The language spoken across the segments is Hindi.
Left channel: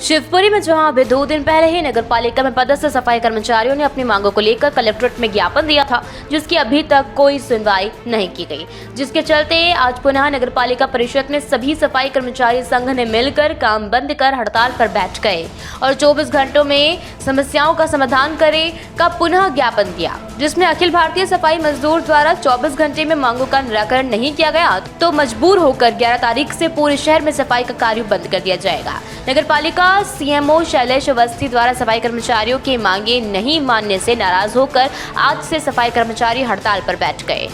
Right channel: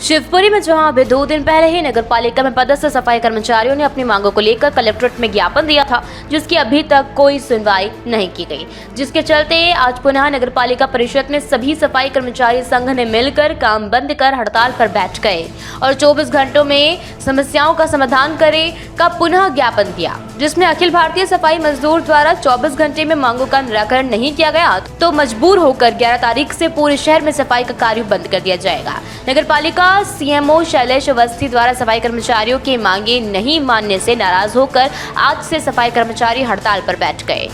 शिवपुरी में जहां अभी 2 दिन पहले ही नगर पालिका में पदस्थ सफाई कर्मचारियों ने अपनी मांगों को लेकर कलेक्ट्रेट में ज्ञापन दिया था, जिसकी अभी तक कोई सुनवाई नहीं की गई, जिसके चलते आज पुनः नगर पालिका परिषद में सभी सफाई कर्मचारी संघ ने मिलकर काम बंद कर हड़ताल पर बैठ गए और 24 घंटों में समस्याओं का समाधान करे का पुनः ज्ञापन दिया, जिसमें अखिल भारतीय सफाई मजदूर द्वारा 24 घंटे में मांगों का निराकरण नहीं किया गया तो मजबूर होकर 11 तारीख से पूरे शहर में सफाई का कार्य बंद कर दिया जाएगा। नगर पालिका सीएमओ शैलेश अवस्थी द्वारा सफाई कर्मचारियों की मांगे नहीं मानने से नाराज होकर आज से सफाई कर्मचारी हड़ताल पर बैठ गए।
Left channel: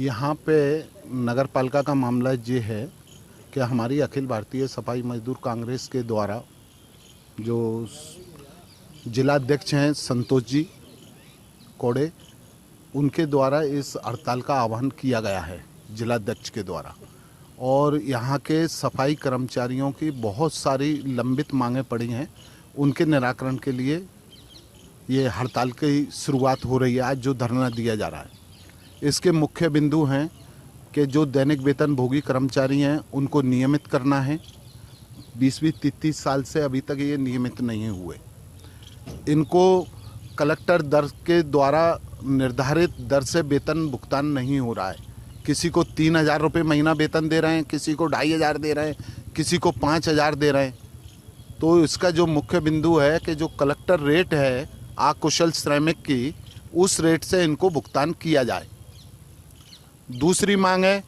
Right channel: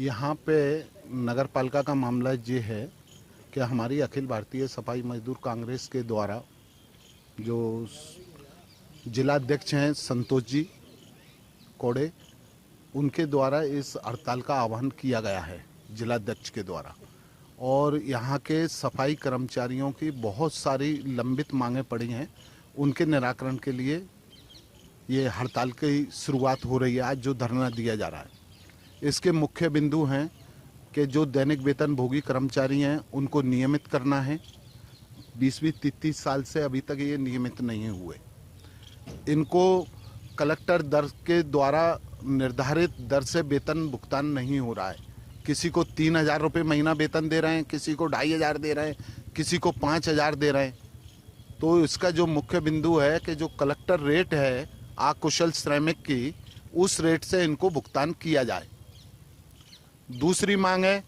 यहाँ पे नगर पालिका का मामला ये है कि हमारी अखिल भारतीय सफाई मजदूर कांग्रेस के द्वारा जो जिलाध्यक्ष हैं संतोष जी कोड़े, उनके द्वारा इस हड़ताल का आह्वान किया गया है जिलाध्यक्ष के द्वारा। और यहाँ के सफाई कर्मचारियों की बहुत सारी लंबित मांगें पड़ी हैं, उनके निराकरण के लिए ये हड़ताल की शुरुआत हो रही है। आज जो धरना दिया जा रहा है इसके मुख्य बिंदु हैं कि जो दैनिक वेतन भोगी कर्मचारी हैं उनको नियमित करना है। 20-30 साल से अभी तक ये नियमित नहीं हुए। इनको कलेक्टर दर के द्वारा निर्धारित दर से वेतन भुगतान नहीं हो रहा है। किसी को 3,000 रुपये महीना वेतन दे रहे हैं, किसी को 2,500 दे रहे हैं, किसी को 5,000 दे रहे हैं। तो इसका जो मुख्य बिंदु है कि जो कलेक्टर रेट है अकुशल श्रमिक की, उस रेट से इनको भुगतान किया जाए। दूसरी मांग है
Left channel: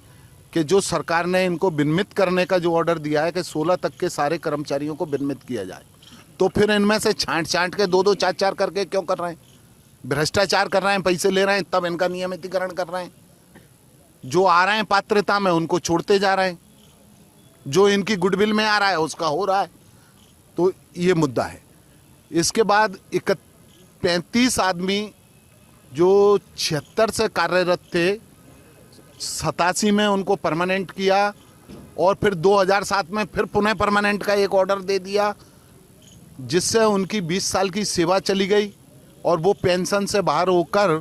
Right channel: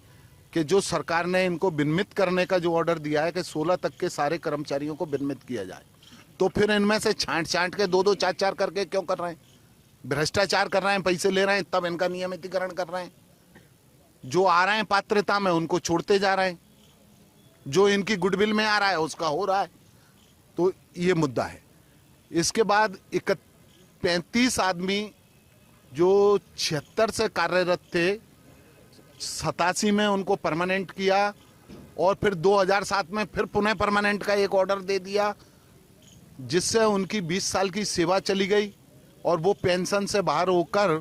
कि जो सरकार ने इनको विनियमित करने का जो ऑर्डर दिया है कि 16 तक के सारे कर्मचारियों को विनियमित किया जाए, तो फिर इनमें से छांट के 2-2 4-4 करके क्यों कर रहे हैं? भ्रष्टाचार कर रहे हैं, पैसे ले रहे हैं, तब इनका नियमितीकरण कर रहे हैं। जो आ रहे हैं पात्रता में उनको छोड़ते जा रहे हैं, जो इनकी गुडविल में आ रहा है उसका हो रहा है। तो ये मुद्दा है। इसके बाद 35 आदमी जो 76 से कार्यरत थे, 87 में उनको परमानेंट किया और फिर 2007 में फिर पुनः परमानेंट का एक ऑर्डर दे दिया, जिससे उनकी 20 साल की सेवा चली गई और वो पेंशन से बाहर होकर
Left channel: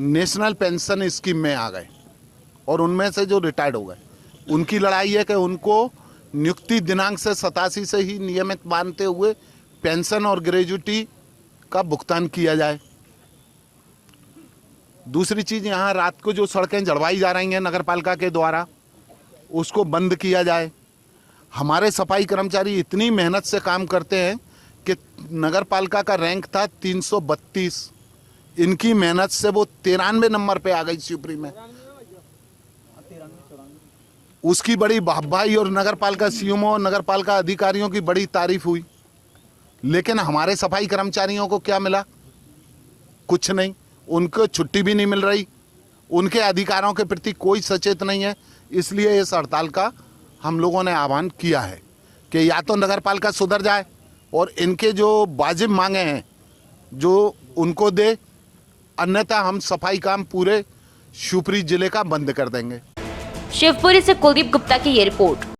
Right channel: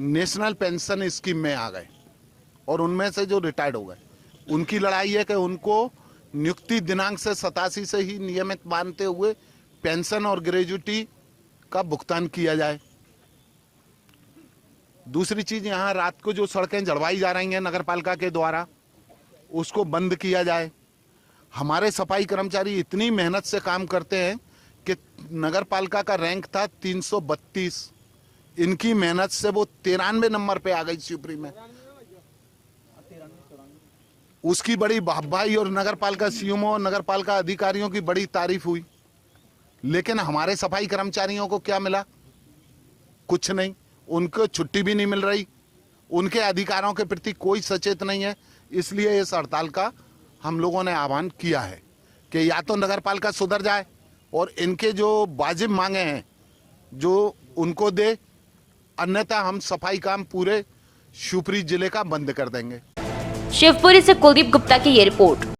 नेशनल पेंशन स्कीम में आ गए। और उनमें से जो रिटायर्ड हो गए, उनकी लड़ाई है कि उनको नियुक्ति दिनांक से 87 से ही नियमित मानते हुए पेंशन और ग्रेजुटी का भुगतान किया जाए। दूसरी चीज़, यहाँ रात को जो सड़कें जड़वाई जा रही हैं नगर पालिका के द्वारा, उसको बंद किया जाए। हमारे सफाई कर्मचारी इतनी मेहनत से काम करते हैं कि नगर पालिका का रैंक था 332, इनकी मेहनत से वो 93 नंबर पे आ गई शिवपुरी में। उसकी बड़ी वाहवाही और नगर पालिका सीएमओ, नगर पालिका अधिकारियों की बड़ी तारीफ हुई, लेकिन हमारे सफाई कर्मचारियों को क्या मिला? कुछ नहीं। उनको छुट्टी भी नहीं मिल रही, उनके अधिकारों के प्रति कोई सचेत नहीं है। इसलिए इस हड़ताल का हम लोगों ने आह्वान किया है कि या तो नगर पालिका सुधर जाए और इनके जो वाजिब मांगे हैं जो उनको दे, अन्यथा हम सफाई काम पूरे शिवपुरी जिले का बंद कर देंगे। शिवपुरी से कुलदीप गुप्ता की ये रिपोर्ट।